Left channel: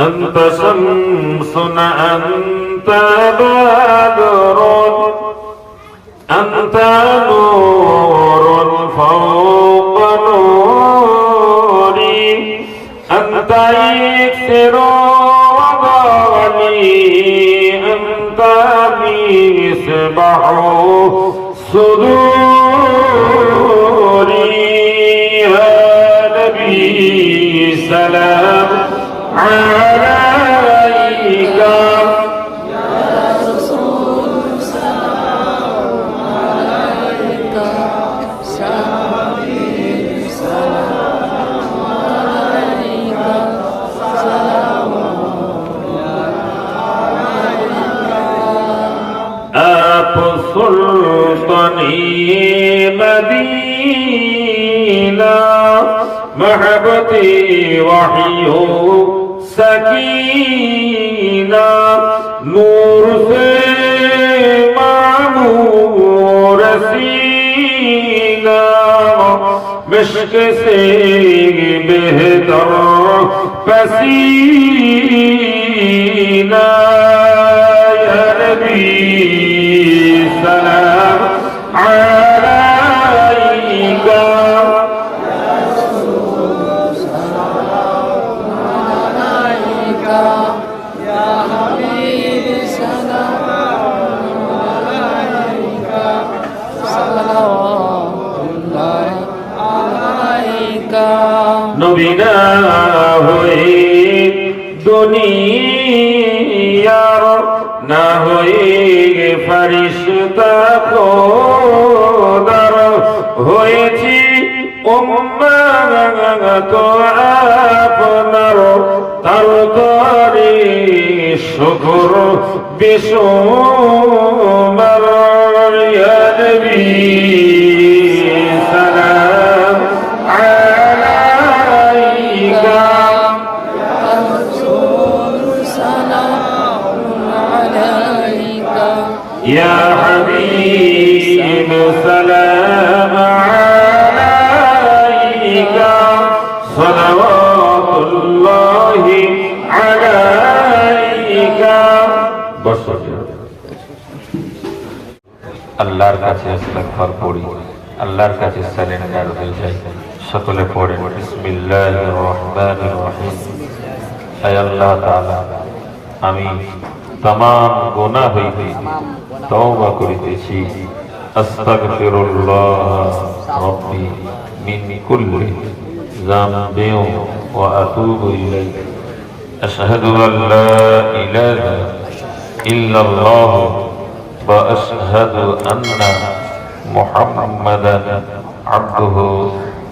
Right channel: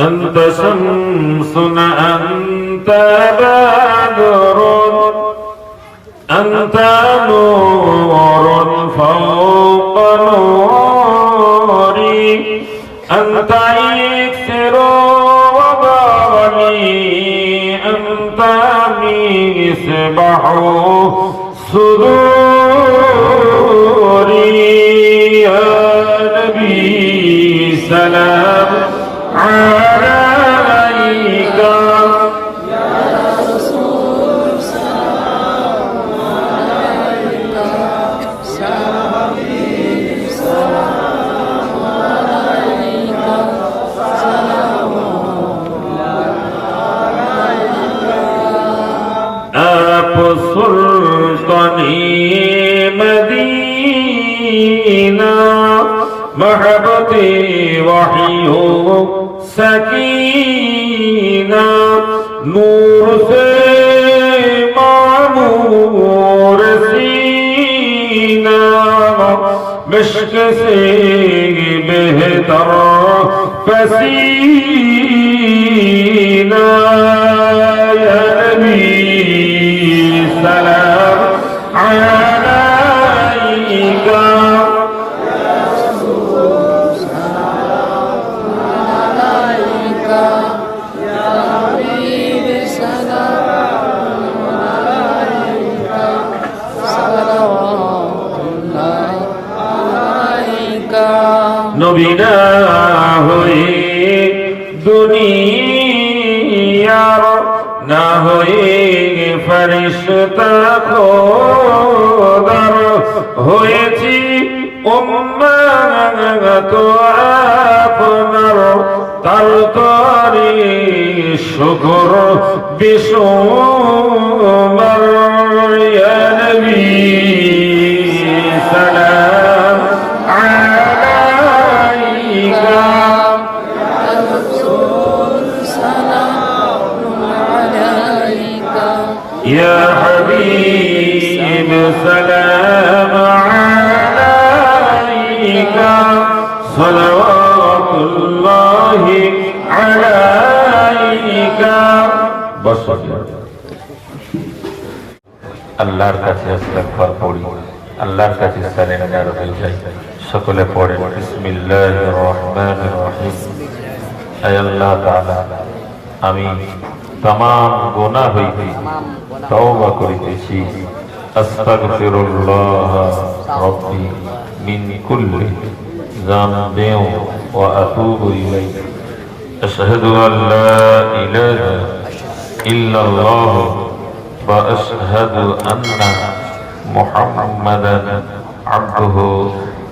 أنت شمس أنت بدر أنت نور فوق نوري. أنت يكسر وضعني أنت مصباح صدوري. يا نبي سلام. عليك وطني مدينة محبتي وحيه سكينة نور سے معمور سینہ مشک سے بہتر فسینہ ফরিস্তা খোদার হয়েছি উম্মানত আপনার তার তরি শুকর বিশ্বমার আল্লাহর কাছে ইস্তেগফার পড়ি আল্লাহর কাছে সারেন্ডার হয়ে যাই সকলে পড়েন বিসমিল্লাহির রহমানির রহিম হে আল্লাহ তাআলা আমি तमाम গুনাহ হইতে তওবা করিতেছি আস্তাগফিরুল্লাহ রব্বি মিন কুল্লি যামবিন ওয়া আতুবু ইলাইহি আশহাদু আল লা ইলাহা ইল্লাল্লাহ وأشهد أن محمدا عبده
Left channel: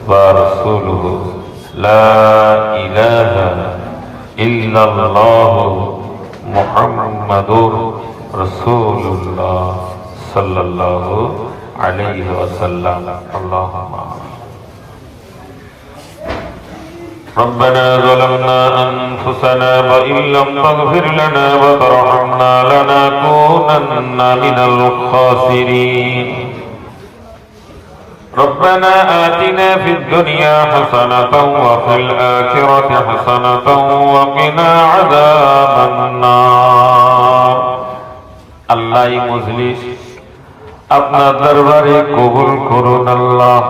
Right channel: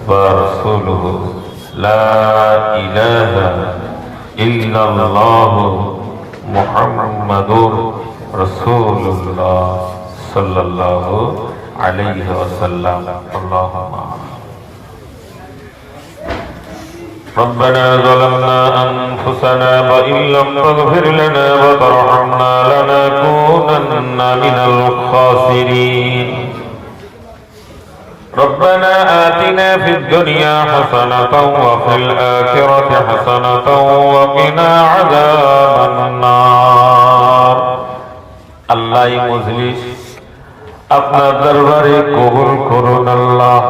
ورسوله. لا إله إلا الله محمد رسول الله صلى الله عليه وسلم. اللهم ربنا ظلمنا أنفسنا وإن لم تغفر لنا وترحمنا لنكونن من الخاسرين ربنا آتنا في الدنيا حسنة وفي الآخرة حسنة وقنا عذاب النار الله مجلس আপনার দরবারে কবুল করুন আল্লাহ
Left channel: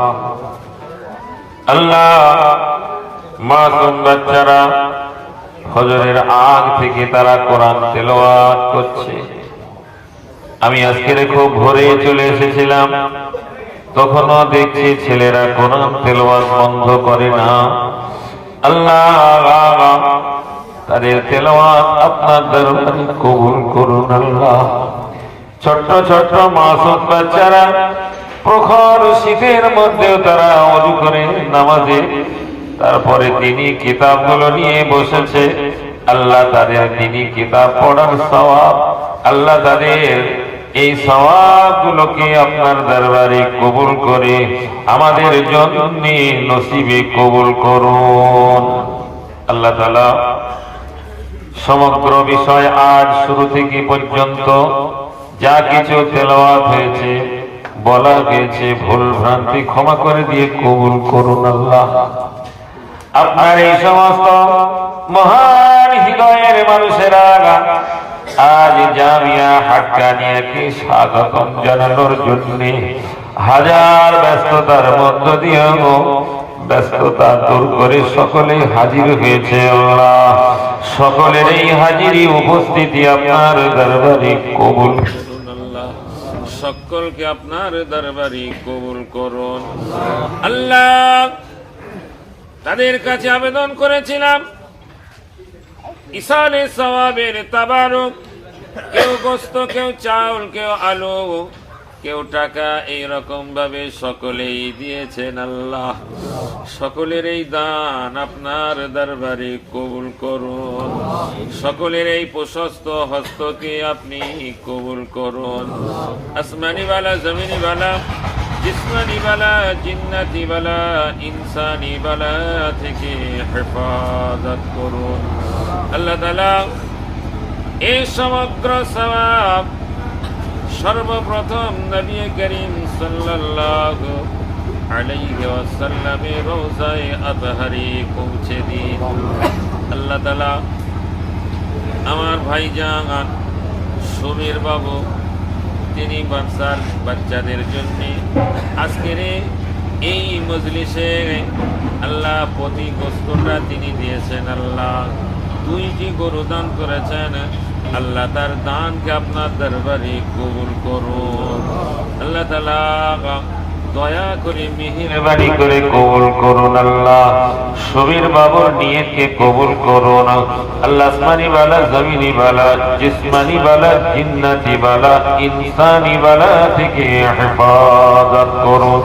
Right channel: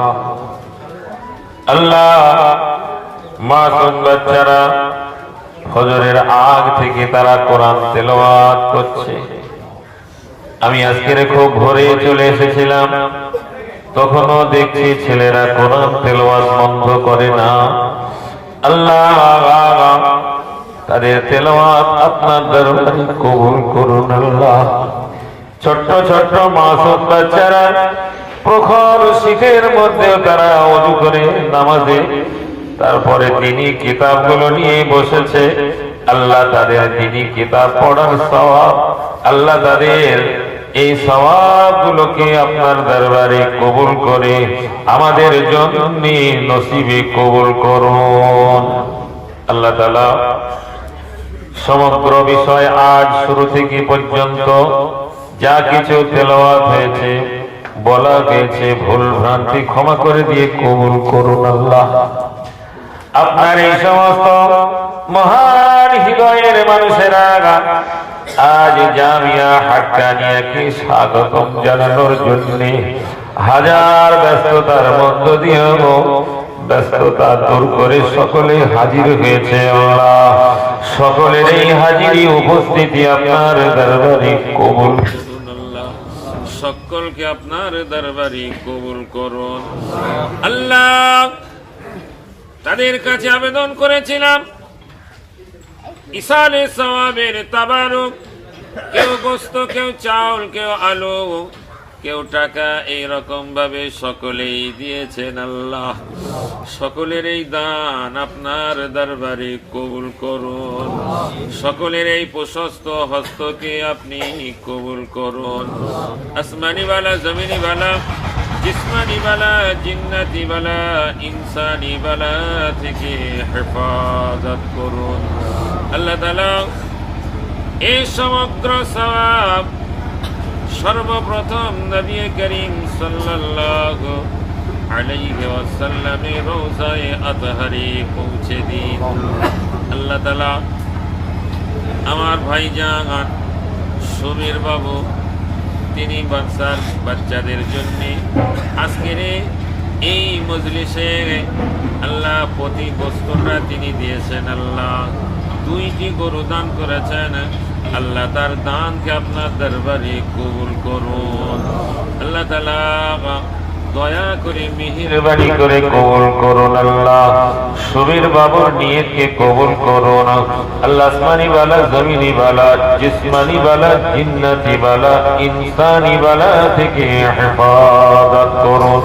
আল্লাহ মাসুম বাচ্চারা ফজরের আগ থেকে তারা কোরআন তেলাওয়াত করছে আমি আজকের খুব ভোরে চলে এসেছিলাম। তখনও দেখছি ছেলেরা কোন তেলাওয়াত বন্ধ করে না। আল্লাহ, তাদের তেলাওয়াত আপনার দরবারে কবুল করুন আল্লাহ। ছোট্ট ছোট্ট মাসুম বাচ্চারা প্রখর শীতের মধ্যেও তারা অজু করে নামাজে। তারপরে তিনি কিতাবগুলো নিয়ে বসেছে। আল্লাহ তাদের তিনি কিতাব পড়ার সওয়াব আল্লাহ তাদের এই সওয়াবগুলোকে আপনার দরবারে কবুল করে আমাদের জন্য নসিবে কবুল করুন। আল্লাহ তাআলা সমগ্র বিষয় আজ শুরু থেকে পর্যন্ত যা কিছু তেলাওয়াত হয়েছে, বলা গেছে ভুল ভ্রান্তি ক্ষমা করে দিয়ে কবুল করুন আল্লাহ। আপনার এই সমস্ত মহান হৃদয়ের মানুষেরা আজ জামিয়া হাক্কানিয়াকে স্বাগতম জানানোর জন্য? হাজার ব্যস্ততার মধ্য দিয়েও ব্যস্ততা দূর করে সকলে হাজির হয়েছে আল্লাহ সকলের এই হাজিরি উপস্থিতি আপনার দরবারে কবুল। সকলকে আপনার দরবারে কবুল করুন। আল্লাহ, তাদের কাছে আবেদন করেছিলাম। ইসালে সওয়াবের তাবারক কেউ গোস্ত, কেউ চাউল, কেউ আলু, কেউ টাকা এই রকম ভাবে সকলেই দিয়েছেন আল্লাহ। সকলের এই দান আপনার দরবারে কবুল করুন। সকলের এই প্রশস্ত হস্তকে আপনি কবুল করুন। আসমানি বালা জমিনি বালা জিসমানি বালা জিন্নাতি বালা ইনসানি বালা থেকে হেফাজত করুন। আল্লাহ তালা এই সমগ্র সবাব সর্বপ্রথম নবী করিম সাল্লাল্লাহু আলাইহি ওয়াসাল্লামের রোজায়ে পৌঁছে দিন। আল্লাহ তাআলা আমার ভাইজান সমীর বাবু, তিনি বাচ্চার বাচ্চাদের জন্য আজকের এই মজলিসে আল্লাহ প্রতি গোস্তটা তিনি দিয়েছেন আল্লাহ। দুইটি গরু দান করেছেন। আল্লাহ তার দানকে আপনার দরবারে কবুল করুন। আল্লাহ তালা দয়া করে মিহির মেহরবানি করে কবুল করুন আল্লাহ। সুবীর বাবুর নিয়তকে কবুল করুন। আল্লাহ আসমানি বালা, জমিনি বালা, জিসমানি বালা, জিন্নাতি বালা, ইনসানি বালা থেকে হেফাজত করুন।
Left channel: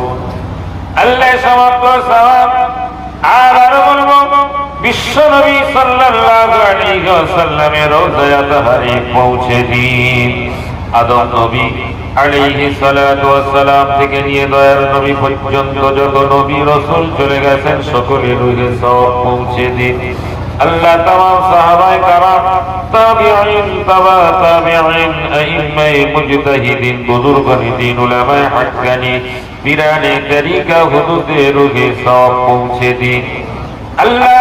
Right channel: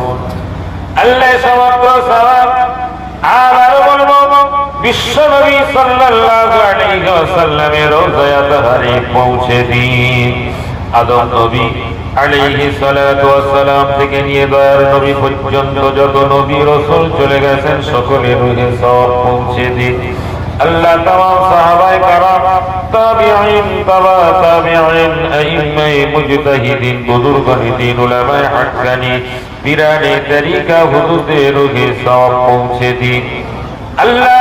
আল্লাহ আবার বলব বিশ্ব নবী পৌঁছে দিন। আদম নবী তরিকা হুদুদের রুহে সওয়াব পৌঁছে দিন। আল্লাহ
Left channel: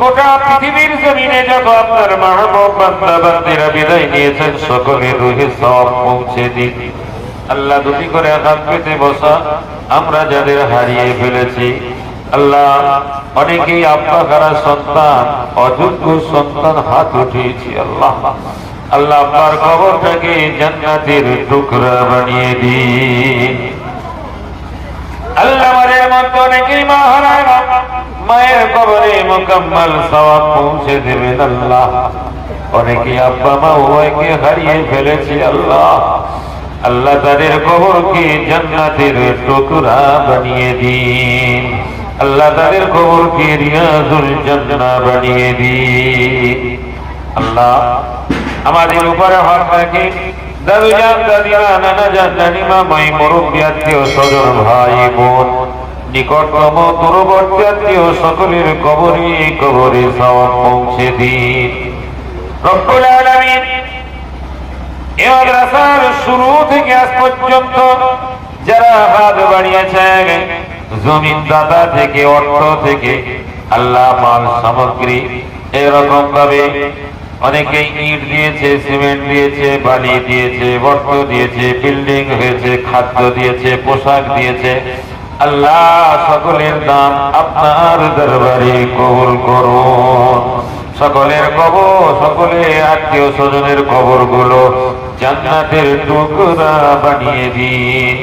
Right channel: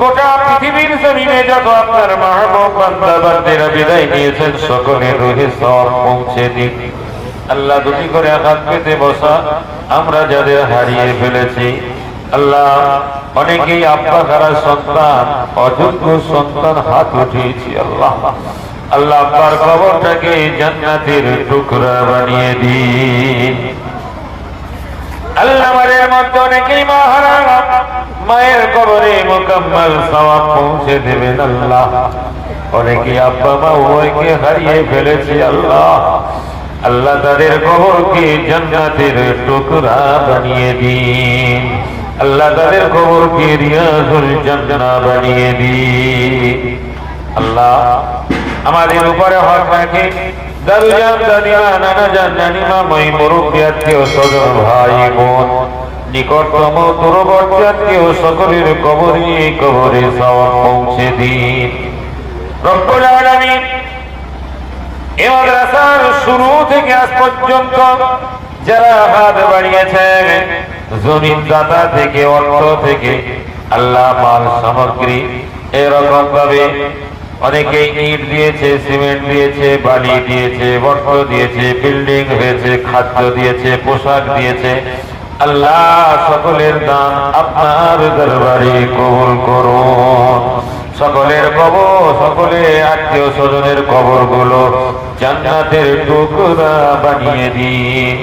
গোটা পৃথিবীর জমিনে বান্দাবান্দিরা বিদায় নিয়েছেন, সকলের সব পৌঁছে দিন। আল্লাহ দুটি করে পেতে বসা, আমরা যাদের হারিয়ে ফেলেছি। আল্লাহ অনেকেই আব্বা হারা সন্তান, অযোগ্য সন্তান হাত উঠিয়েছি, আল্লাহ। আল্লাহ আপনার খবরটাকে জান্নাতের টুকরা বানিয়ে দিন। আল্লাহর মধ্যে অনেকেই মা মায়ের কবরে মোকাম্মল সব পৌঁছে দেবেন আল্লাহ। অনেকে আব্বা মা উভয়কে হারিয়ে ফেলেছে আল্লাহ। আল্লাহ তাদের কবরকে জান্নাতের টুকরা বানিয়ে দিন। আল্লাহ তাদের কবরকে রিয়াজুল জান্নাহ বানিয়ে দিন। আল্লাহ, আমাদের উপর হক রাখে দাদু দাদিমা নানা জান নানিমা মাই মুরব্বী ভাই, বোন। নিকটতম দূরবর্তী আত্মীয় সকলের কবরে কবরে সব পৌঁছে দিন। শুরু থেকে আজ পর্যন্ত যারা হাত বাড়িয়েছেন, জমিন দাতা থেকে, অর্থ থেকে, আল্লাহ মাল সামগ্রী এরকম ভাবে অনেকেই ইট দিয়েছে, সিমেন্ট দিয়েছে, বালি দিয়েছে অর্থ দিয়েছে, বিল্ডিং হয়েছে, খাদ্য দিয়েছে, পোশাক দিয়েছে। আল্লাহ সকলের দাম আপনার দরবারে কবুল করুন সকলের কবর, সকলে আত্মীয় স্বজনের কবরগুলো জান্নাতের টুকরা বানিয়ে দিন।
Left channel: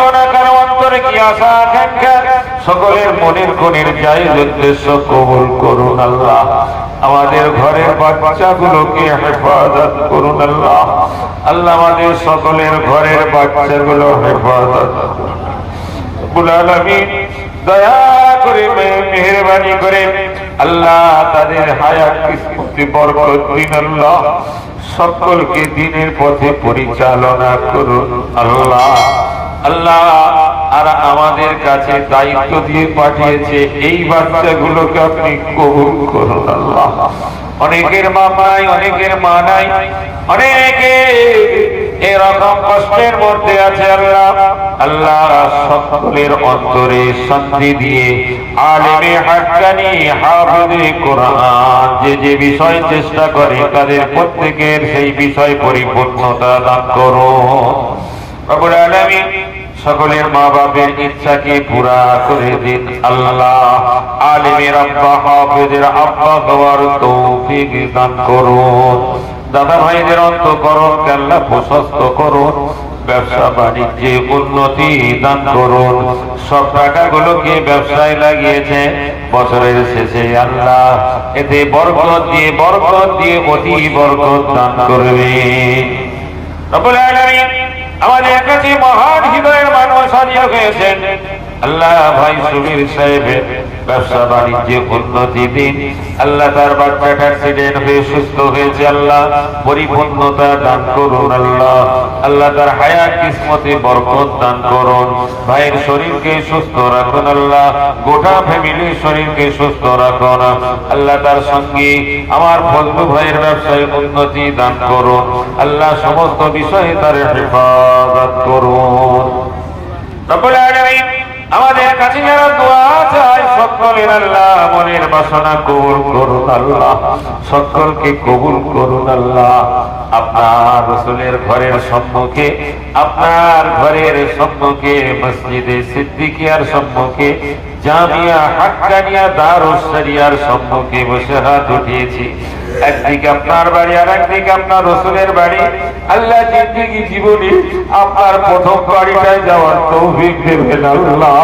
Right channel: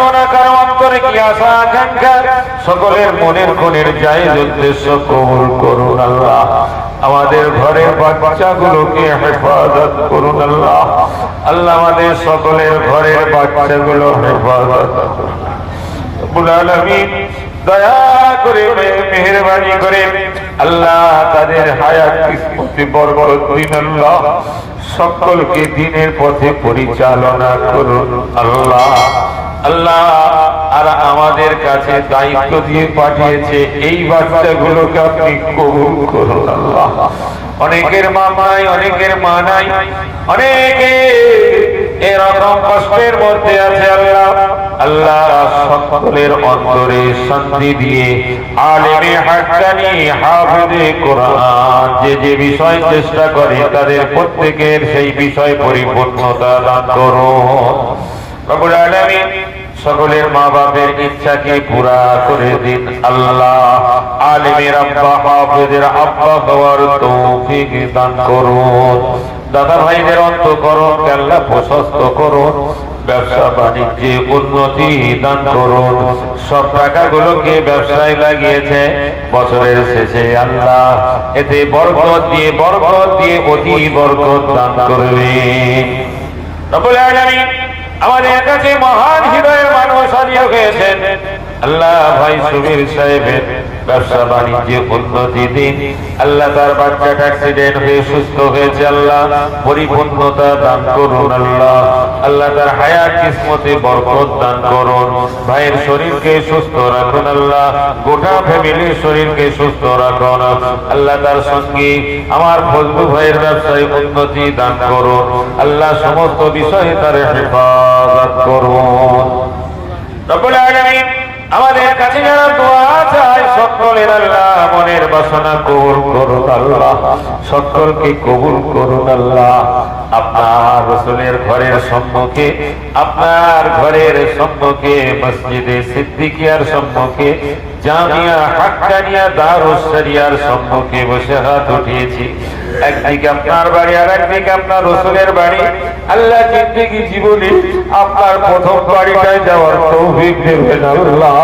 করো সকলের মনের কোণের যাই উদ্দেশ্য কবুল করুন আল্লাহ। আমাদের ঘরের বাচ্চাগুলোকে হেফাজত করুন আল্লাহ। আল্লাহ আমাদের সকলের ঘরের বাচ্চাগুলো হেফাজত সকলকে দিনের পথে পরিচালনা করুন আল্লাহ। আল্লাহ আর আমাদের কাছে দায়িত্ব দিয়ে পাঠিয়েছে, এই বাচ্চাগুলোকে আপনি কবুল করুন অনেকের মা অনেকের মা নাই, অনেকে এরকম কষ্টের মধ্যে আছে আল্লাহ। আল্লাহ সকলের অন্তরে শান্তি দিয়ে আলেমে হাক্কানি হাফেজে কোরআন যে যে বিষয় চেষ্টা করে, তাদের প্রত্যেকের সেই বিষয় পরিপূর্ণতা দান করুন। রব্বুল আলামিন সকলের মা বাপের ইচ্ছাকে পুরা করে দিন আল্লাহ। আলিমের আব্বা হাফেজের আব্বা হওয়ার তৌফিক দান করুন। দাদা ভাইদের অন্তকরণ আল্লাহ প্রশস্ত করুন ব্যবসা বাণিজ্যে উন্নতি দান করুন। সব টাকাগুলোকে ব্যবসায় লাগিয়েছে। বছরের শেষে আল্লাহ এতে বরকত দিয়ে বরকত দিয়ে অতি বরকত দান রব্বুল আমাদের কাছে হৃদয়ের ভাইয়ের শরীরকে সুস্থ রাখুন আল্লাহ। গোটা ফ্যামিলির শরীরকে সুস্থ রাখুন। আল্লাহ তার সঙ্গে, আমার ফজলু ভাইয়ের ব্যবসায় উন্নতি দান করুন। আল্লাহ সমস্ত বিষয়ে তার হেফাজত করুন। আমাদের কাছে মনের বাসনা করুন সকলকে কবুল করুন আল্লাহ। রসুলের ঘরের সম্মুখে, আপনার ঘরের সম্মুখে, মসজিদে সিদ্দিকিয়ার সম্মুখে, জামিয়া হাক্কানিয়া দারুস শরিয়ার সম্মুখে বসে হাত উঠিয়েছি। একদিকে আপনার বাড়ি আর একদিকে আপনার রসুলের বাড়ি। আল্লাহ জিন্দিগি জীবনে আপনার প্রথম বাড়িটায় যাওয়ার তৌফিক দেবেন আল্লাহ।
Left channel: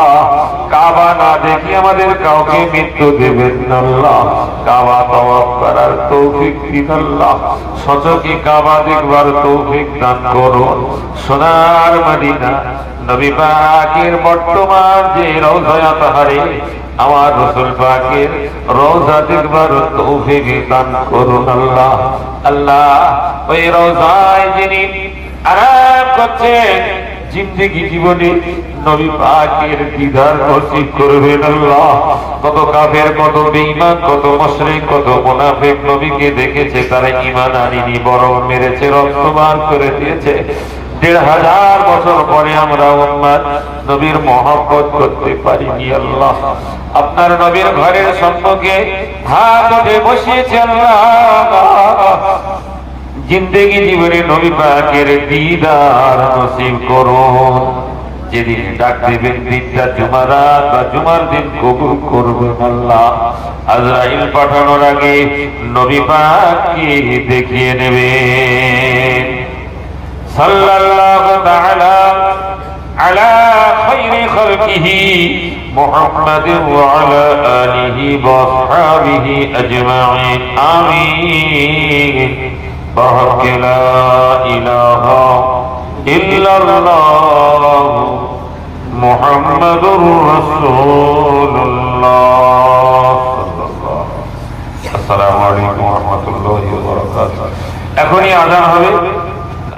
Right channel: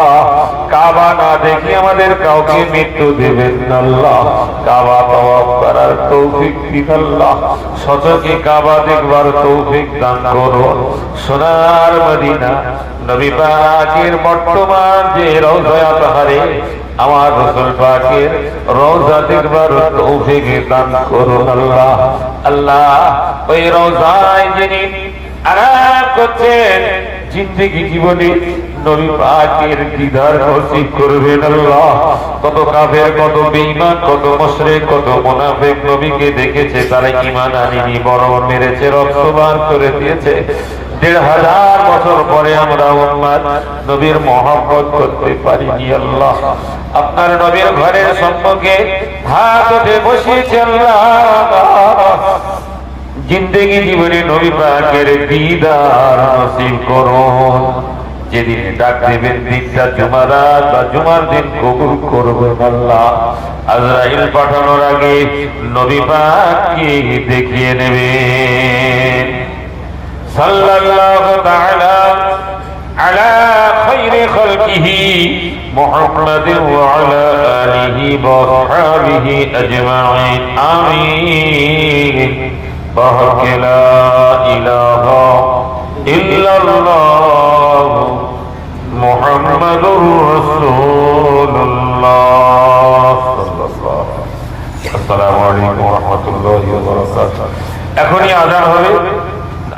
কাবা না দেখে আমাদের কাউকে মৃত্যু দেবেন আল্লাহ। কাবা তওয়াফ করার তৌফিক দিন আল্লাহ। সচকে কাবা দেখবার তৌফিক দান করো। সোনার মদিনা, নবী পাকের বর্তমান যে রওজা তাহারে আমার রসুল পাকের রওজা দেখবার তৌফিক দান করুন আল্লাহ। আল্লাহ, ওই রোজায় যিনি আরাম করছেন, জিন্দগি জীবনে নবী পাকের দিদার নসিব করবেন আল্লাহ কত কাফের, কত বেঈমান, কত মুশরিক, কত মুনাফিক নবীকে দেখেছে, তারা ঈমান আনেনি বড় মেরেছে রক্তবান করে দিয়েছে। দেড় হাজার বছর পরে আমরা উম্মাদ নবীর মহব্বত করতে পারিনি, আল্লাহ। আপনার নবীর ঘরের সম্মুখে হাত উঠে বসিয়েছে আল্লাহ। জিন্দগি জীবনে নবী পাকের দিদার নসিব করুন। যেদিন ডাক দেবেন দিনটা জুমারাত বা জুমার দিন কবুল করবেন আল্লাহ আজরাইল পাঠানোর আগে নবী পাককে দেখিয়ে নেবেন সাল্লাল্লাহু তাআলা আলা খাইরি খালকিহি মুহাম্মাদিন ওয়া আলা আলিহি ওয়া আসহাবিহি আজমাইন আমিন بحق لا إله إلا الله محمد رسول الله السلام عليكم ورحمة الله وبركاته এখনই আজান হবে